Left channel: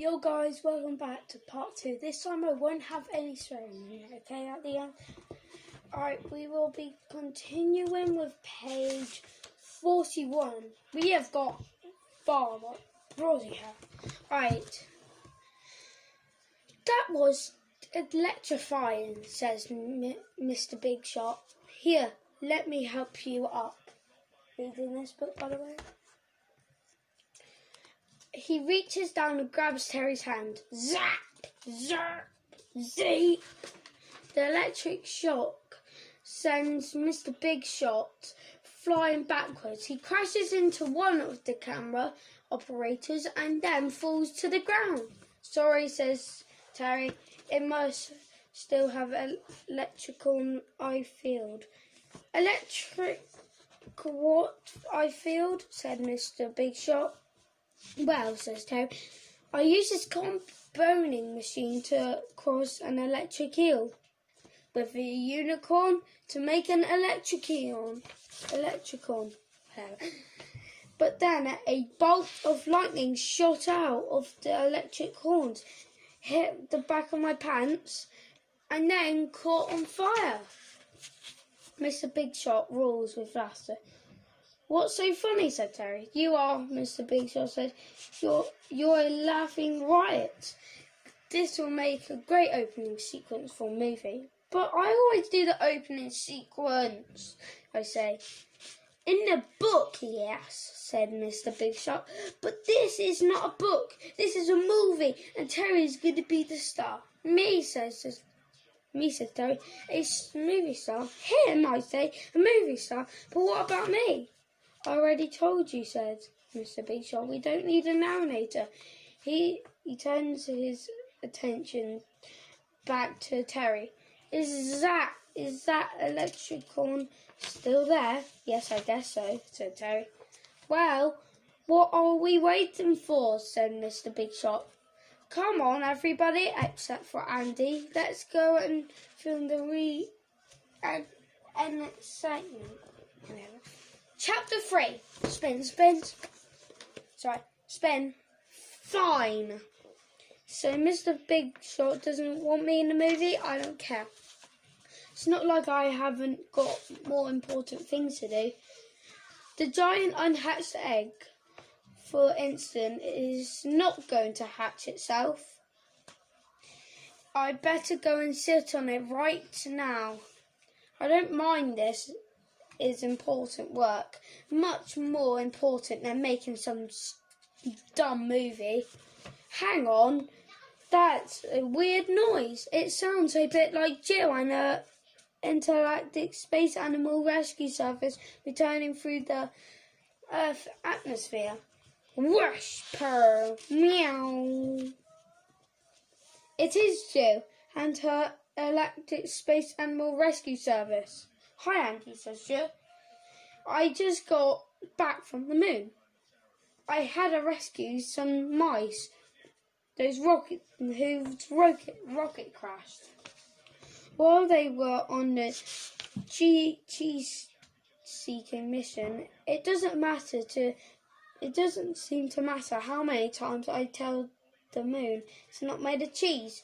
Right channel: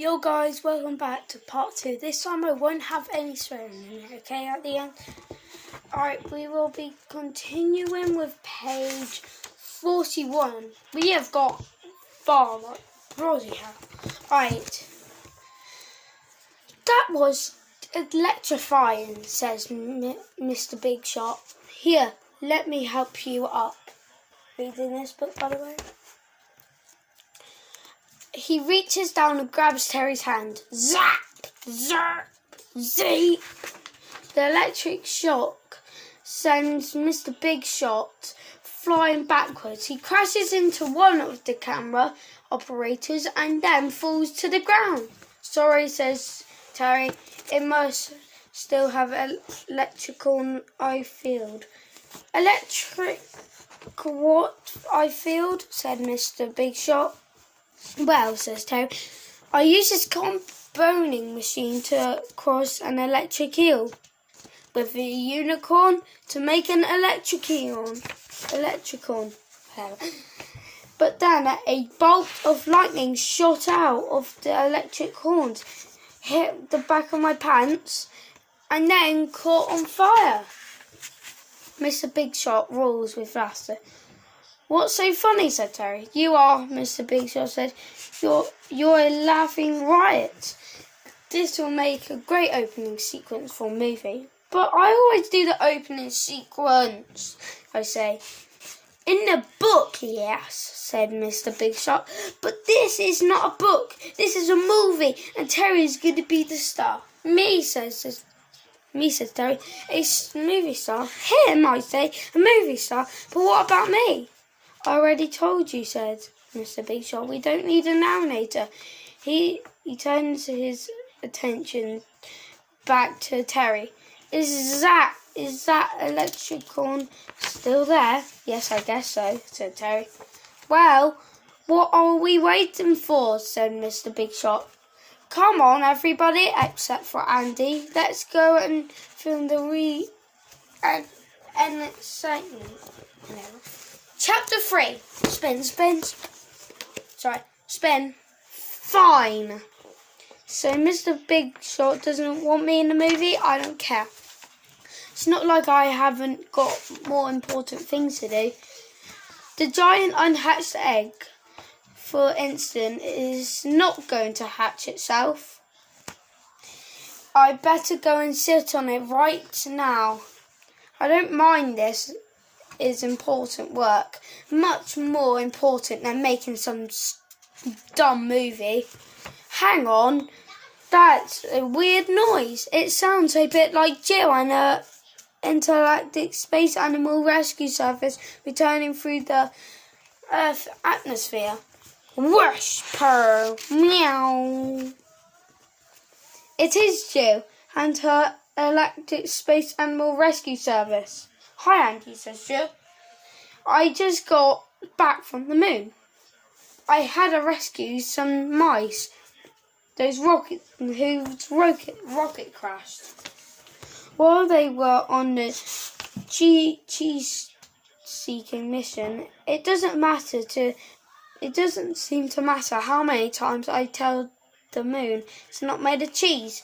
Yo guys, welcome back to part 2. This time I won't have any swearing in it, okay, at the end. Alright, we will be continuing with page 41. We have got far, like, bloody hell. Alright. That was electrifying, says Mr. Big Shot. Here, let me help you up. Reading this book, by the way. He reaches down and grabs Terry's hand. Zap! Zap! Zap! The electric shock sends Mr. Big Shot flying backwards. He crashes into one of the camera operators and then falls to the ground. Sorry, says Terry. It must still have electrical eye field. Electric what eye field? Said Mr. Big Shot. Well, says Terry, I use this comboning machine to cross an electric eel with a unicorn to make an electricon. But then a bolt of lightning shot out of the electric horns, hit the back of my pants, and then caught on fire. Mr. Big Shot rolls with laughter. What's so funny, said Terry. You are, Mr. Big Shot said. You're a laughing riot. This will make a great opening sequence for a movie. But I always do the opening sequence, I say. In the book, yes, said Mr. Big Shot. But this is not a book. This is a movie, and Terry's going to be the star. Me, says Terry. A movie star? Him, I say, a movie star. But what about me? I already told you, said Mr. Big Shot. We don't need a narrator. He turns his attention back to Terry. Is that electricon still there? Yes, I guess so, said Terry. Well, what are we waiting for? Said Mr. Big Shot. Come on, everybody, except for Andy. Let's go and film the excitement. Chapter 3. Spin. Fine. So Mr. Big Shot doesn't want me in the movie? I don't care. It's not like I haven't got more important things to do. The giant unhatched egg, for instance, is not going to hatch itself. I better go and sit on it right now. I don't mind this. Is important work, much more important than making some dumb movie. Hang on, that's a weird noise. It sounds a bit like Jill and her intergalactic space animal rescue service returning through the Earth atmosphere. Whoosh, purr, meow. It is Jill and her galactic space animal rescue service. Hi, Andy, says Jill. I just got back from the moon. I had to rescue some mice. Whose rocket crashed. While they were on the cheese-seeking mission, it doesn't seem to matter how many times I tell the moon it's not made of cheese.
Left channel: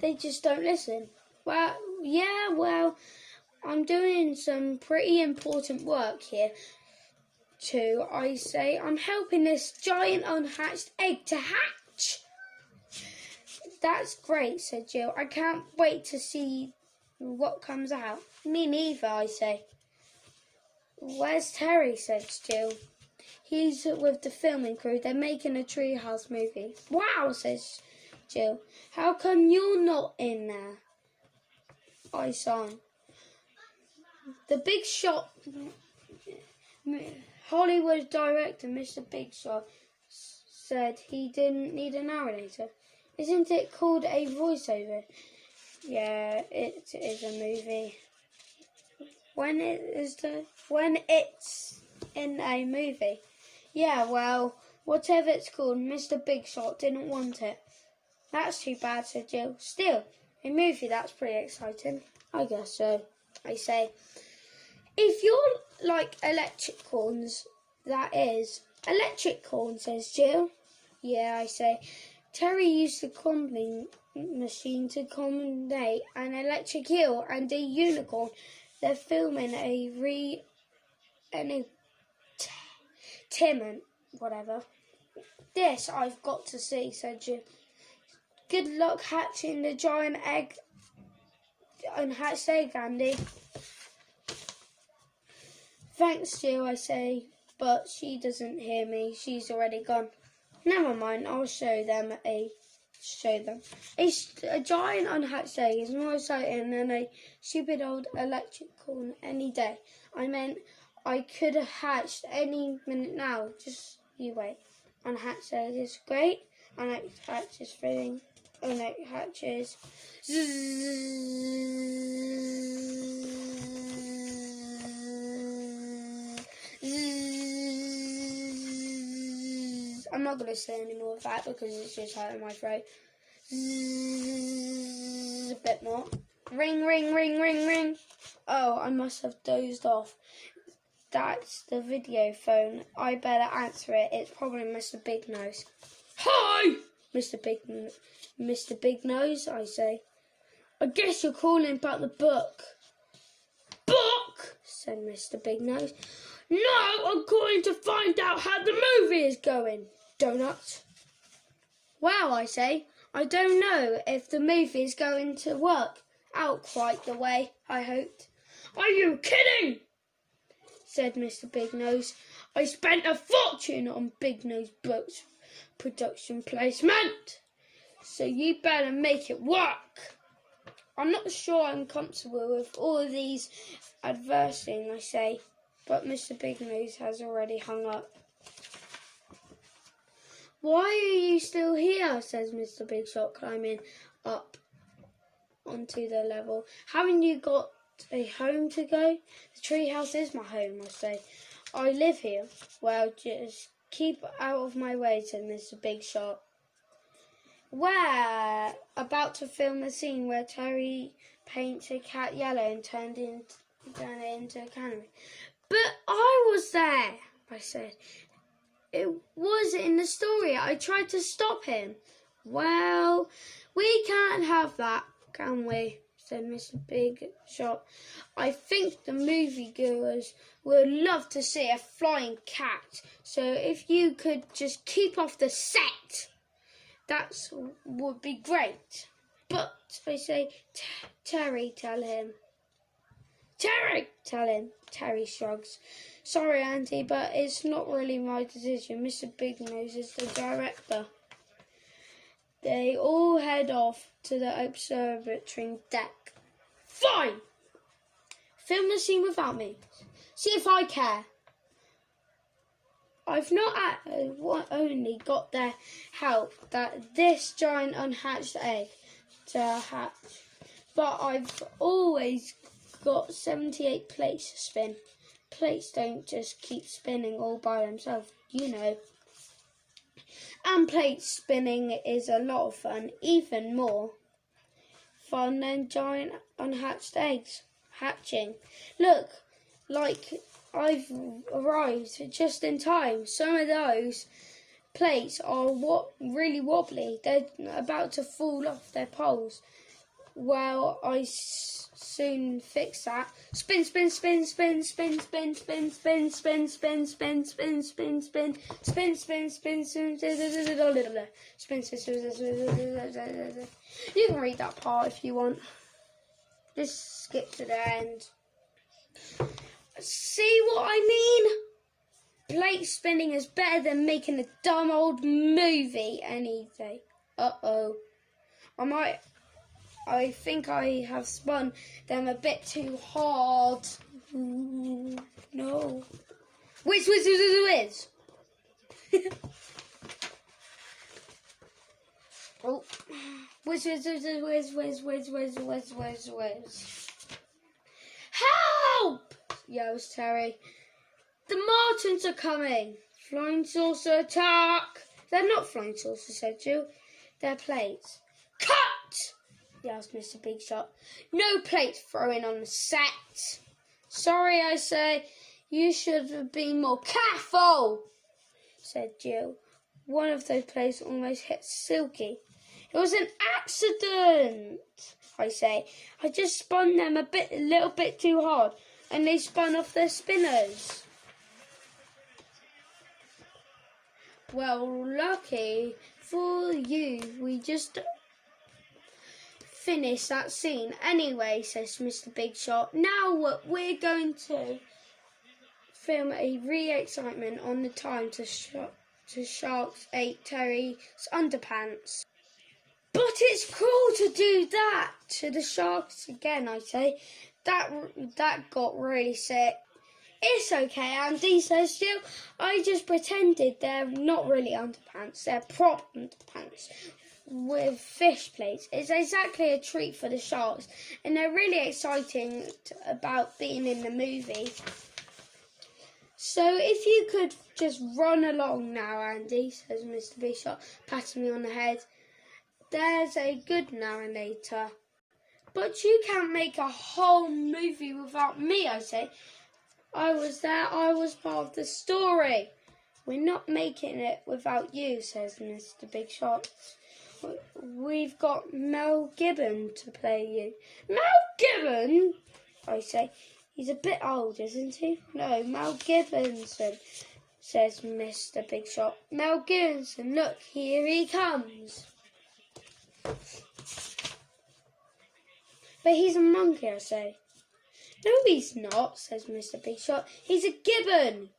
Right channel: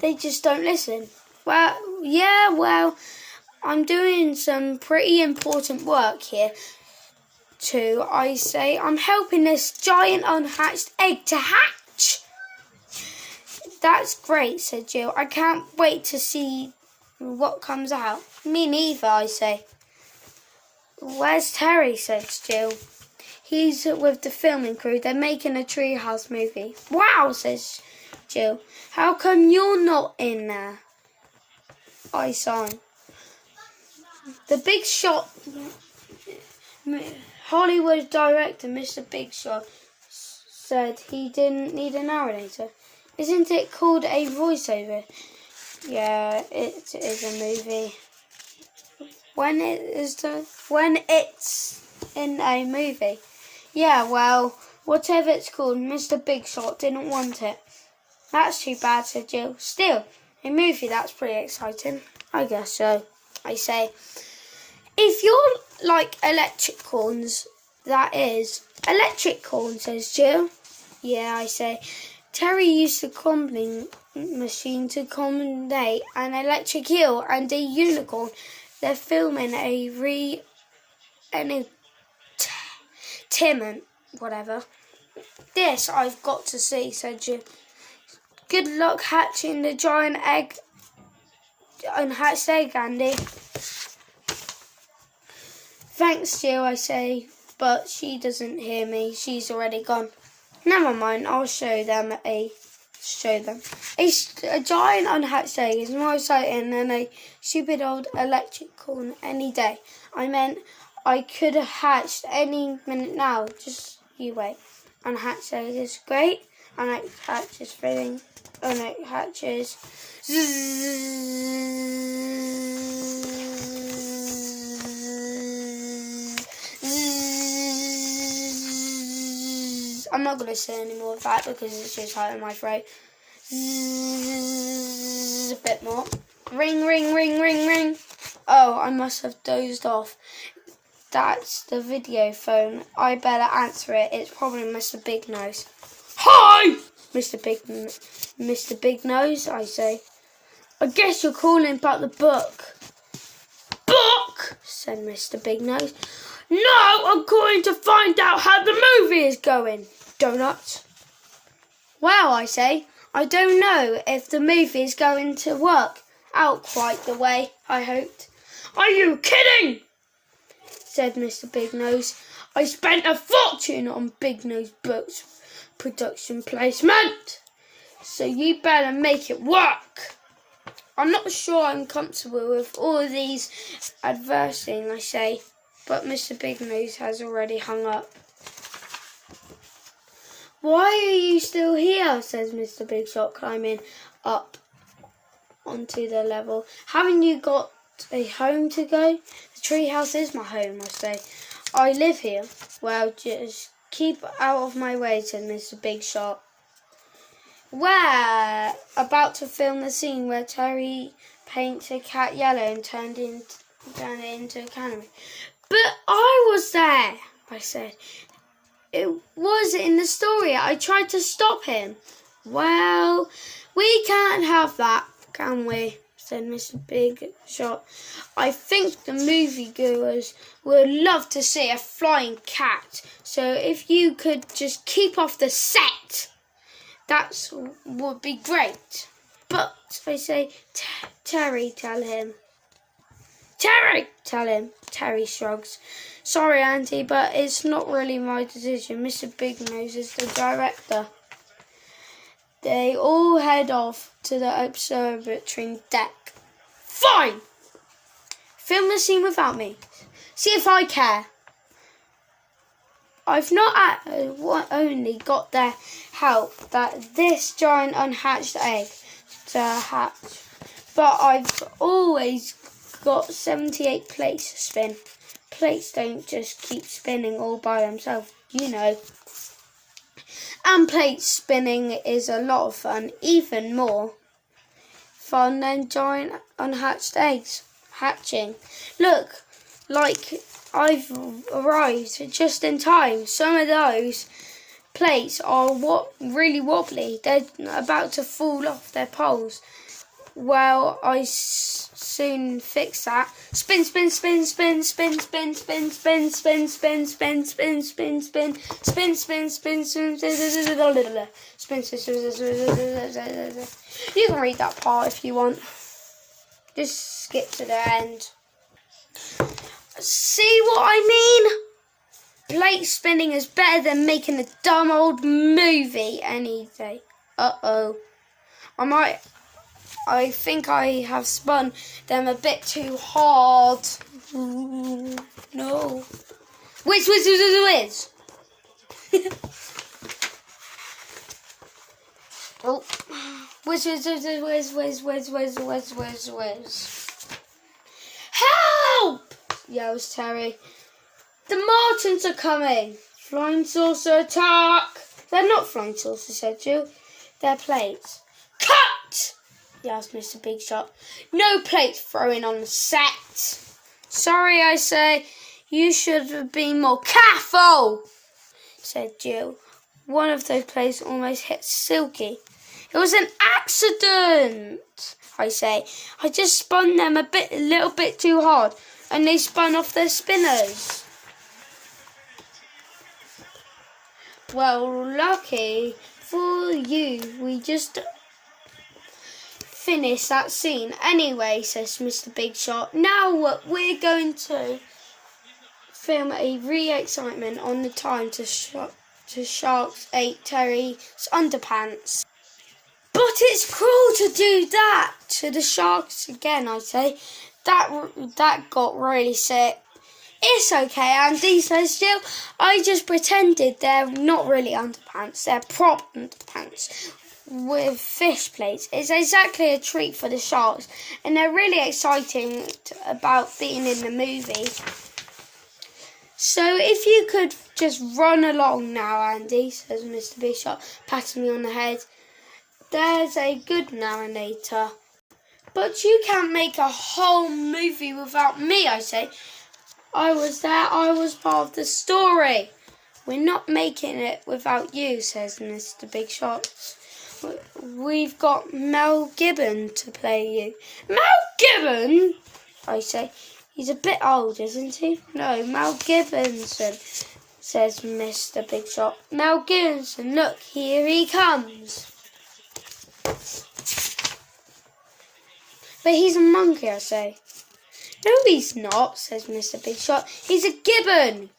They just don't listen. Well, I'm doing some pretty important work here, too, I say. I'm helping this giant unhatched egg to hatch. That's great, said Jill. I can't wait to see what comes out. Me neither, I say. Where's Terry, says Jill. He's with the filming crew. They're making a treehouse movie. Wow, says Jill. How come you're not in there? I sigh. The Big Shot, Hollywood director Mr. Big Shot, said he didn't need a narrator. Isn't it called a voiceover? Yeah, it is a movie. When it's in a movie. Yeah, well, whatever it's called, Mr. Big Shot didn't want it. That's too bad, said Jill. Still, a movie, that's pretty exciting. I guess so, I say. If you're like electricons, that is. Electric corn, says Jill. Yeah, I say. Terry used the combing machine to combine an electric eel and a unicorn. They're filming Timon, whatever. This I've got to see, said Jill. Good luck hatching the giant egg, unhatched egg, Andy. Thanks, Jill, I say, but she doesn't hear me. She's already gone. Never mind, I'll show them. A giant unhatched egg is more exciting than a stupid old electric corn any day. I meant I could have hatched any minute now. Just you wait. Unhatched egg is great. Unhatched hatches filling. Unhatched hatches. I'm not going to say any more of that because it's just hurting my throat. A bit more. Ring, ring, ring, ring, ring. Oh, I must have dozed off. That's the video phone. I better answer it. It's probably Mr. Big Nose. Hi! Mr. Big Nose, I say. I guess you're calling about the book. Book? Said Mr. Big Nose. No, I'm calling to find out how the movie is going. Donuts. Well, I say, I don't know if the movie is going to work out quite the way I hoped. Are you kidding? Said Mr. Big Nose. I spent a fortune on Big Nose Books production placement, so you better make it work. I'm not sure I'm comfortable with all of these adversing, I say, but Mr. Big Nose has already hung up. Why are you still here? Says Mr. Big Shot, climbing up onto the level. Haven't you got a home to go? The treehouse is my home, I say. I live here. Well, just keep out of my way, said Mr. Big Shot. We're about to film the scene where Terry paints a cat yellow and turned it into a canary. But I was there, I said. It was in the story. I tried to stop him. Well, we can't have that, can we? Said Mr. Big Shot. I think the moviegoers would love to see a flying cat. So if you could just keep off the set, that would be great. But, I say, Terry, tell him. Terry, tell him. Terry shrugs. Sorry, Auntie, but it's not really my decision. Mr. Big Nose is the director. They all head off to the observatory deck. Fine! Film the scene without me. See if I care. I've not only got their help that this giant unhatched egg to hatch, but I've always got 78 plates to spin. Plates don't just keep spinning all by themselves, you know. And plate spinning is a lot of fun, even more fun than giant unhatched eggs hatching. Look, like I've arrived just in time. Some of those plates are really wobbly. They're about to fall off their poles. Well, I soon fix that. Spin, spin, spin, spin, spin, spin, spin, spin, spin, spin, spin, spin, spin, spin, spin, spin, spin, spin, spin. You can read that part if you want. Just skip to the end. See what I mean? Plate spinning is better than making a dumb old movie any day. Uh-oh. I think I have spun them a bit too hard. Ooh, no. Whiz. Oh. Whiz. Help! Yells Terry. The Martins are coming. Flying saucer attack. They're not flying saucers, said Jill. They're plates. Cut! Yells Mr. Big Shot. No plates throwing on the set. Sorry, I say. You should have been more careful, said Jill. one of those plates almost hit Silky. It was an accident, I say. I just spun them a little bit too hard, and they spun off their spinners. Well, lucky for you, we just finished that scene. Anyway, says Mr. Big Shot, now we're going to film a re-excitement on the time Sharks ate Terry's underpants. But it's cruel to do that to the sharks again, I say. That got really sick. It's okay, Andy says Jill. I just pretended they're not really underpants. They're prop underpants with fish plates. It's exactly a treat for the sharks, and they're really exciting about being in the movie. So if you could just run along now, Andy, says Mr. Bishop, patting me on the head. There's a good narrator. But you can't make a whole movie without me, I say. I was there, I was part of the story. We're not making it without you, says Mr. Big Shot. We've got Mel Gibbon to play you. Mel Gibbon? I say. He's a bit old, isn't he? No, Mel Gibson, says Mr. Big Shot. Mel Gibson, look, here he comes. But he's a monkey, I say. No, he's not, says Mr. Big Shot. He's a gibbon.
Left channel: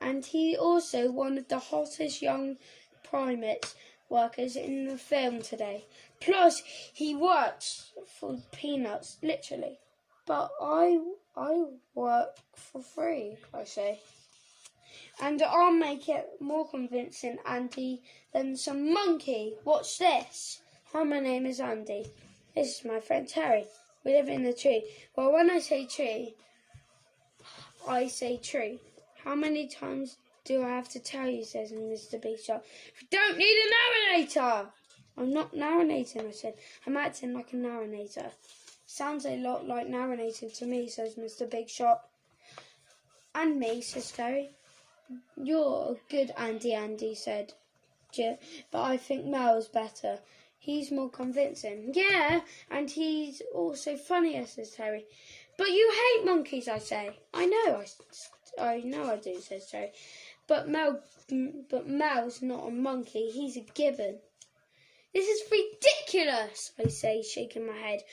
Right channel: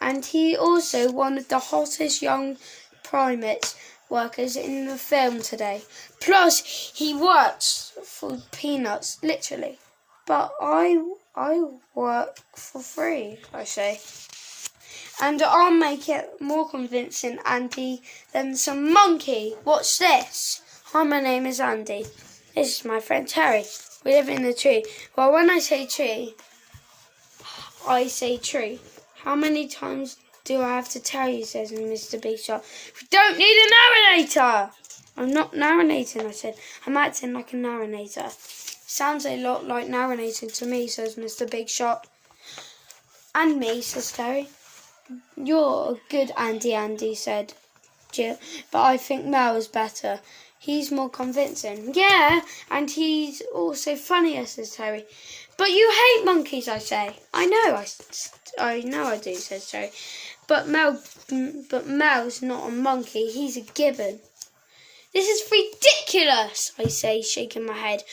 And he also one of the hottest young primate workers in the film today. Plus, he works for peanuts, literally. But I work for free, I say. And I'll make it more convincing, Andy, than some monkey. What's this? Hi, my name is Andy. This is my friend Terry. We live in the tree. Well, when I say tree, I say tree. How many times do I have to tell you, says Mr. Big Shot. We don't need a narrator. I'm not narrating, I said. I'm acting like a narrator. Sounds a lot like narrating to me, says Mr. Big Shot. And me, says Terry. You're a good Andy, said Jill. But I think Mel is better. He's more convincing. Yeah, and he's also funnier, says Terry. But you hate monkeys, I say. I know I do, says Terry. But Mel's not a monkey. He's a gibbon. This is ridiculous, I say, shaking my head.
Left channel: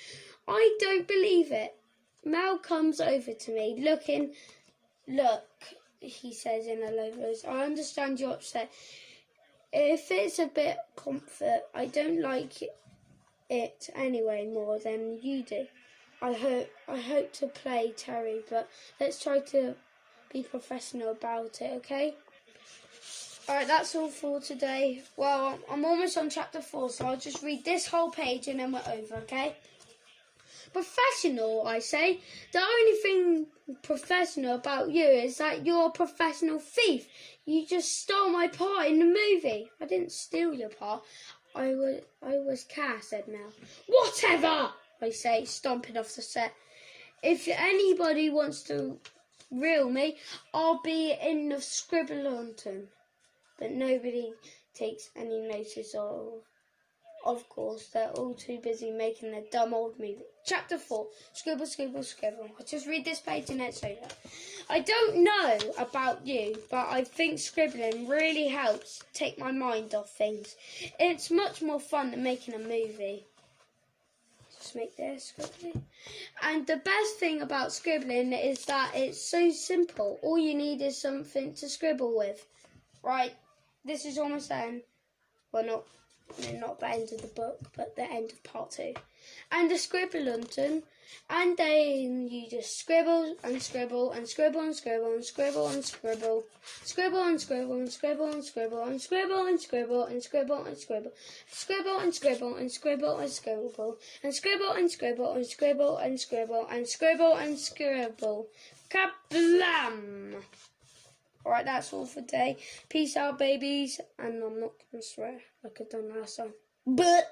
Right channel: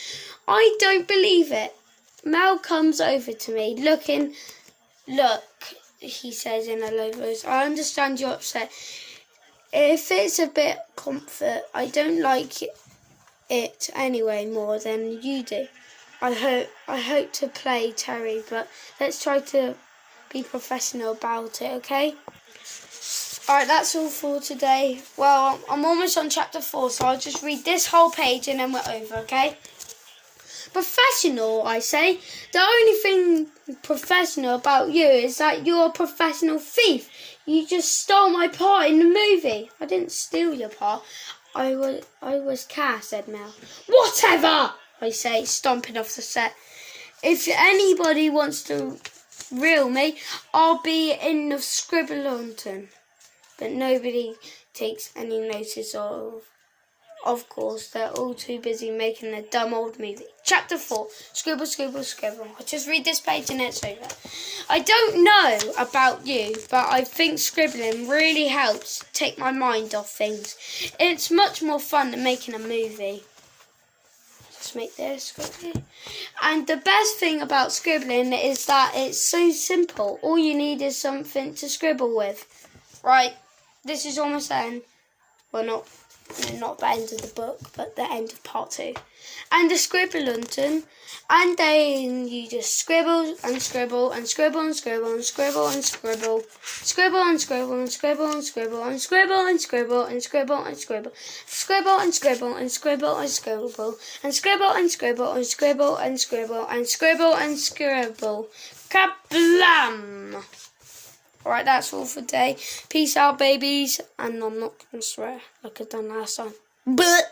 I don't believe it. Mel comes over to me, Look, he says in a low voice. I understand you're upset. If it's a bit comfort, I don't like it anyway more than you do. I hope to play Terry, but let's try to be professional about it, okay? Alright, that's all for today. Well, I'm almost on chapter 4, so I'll just read this whole page and then we're over, okay? Professional, I say. The only thing professional about you is that you're a professional thief. You just stole my part in the movie. I didn't steal your part. I was Cass, said Mel. Whatever, I say, stomping off the set. If anybody wants to reel me, I'll be in the Scribbleton. But nobody takes any notice of. Of course, they're all too busy making their dumb old movie. Chapter 4. Scribble, scribble, scribble. I'll just read this page and it's over. I don't know about you, but I think scribbling really helps take my mind off things. It's much more fun than making a movie. Just make this quickly. And the best thing about scribbling is that it's so simple. All you need is something to scribble with. Right, this is almost the end. Well, not the end of the book, but the end of part 2. And the Scribbleton, and then you just scribble and scribble and scribble and scribble and scribble and scribble, scribble and scribble and scribble and scribble and scribble and scribble and scribble and scribble, scribble and scribble and scribble and scribble and scribble and scribble and scribble and scribble and scribble and scribble. Kablam! Alright, that's all for today. Peace out, babies. And I'm not going to swear like I've done last time. But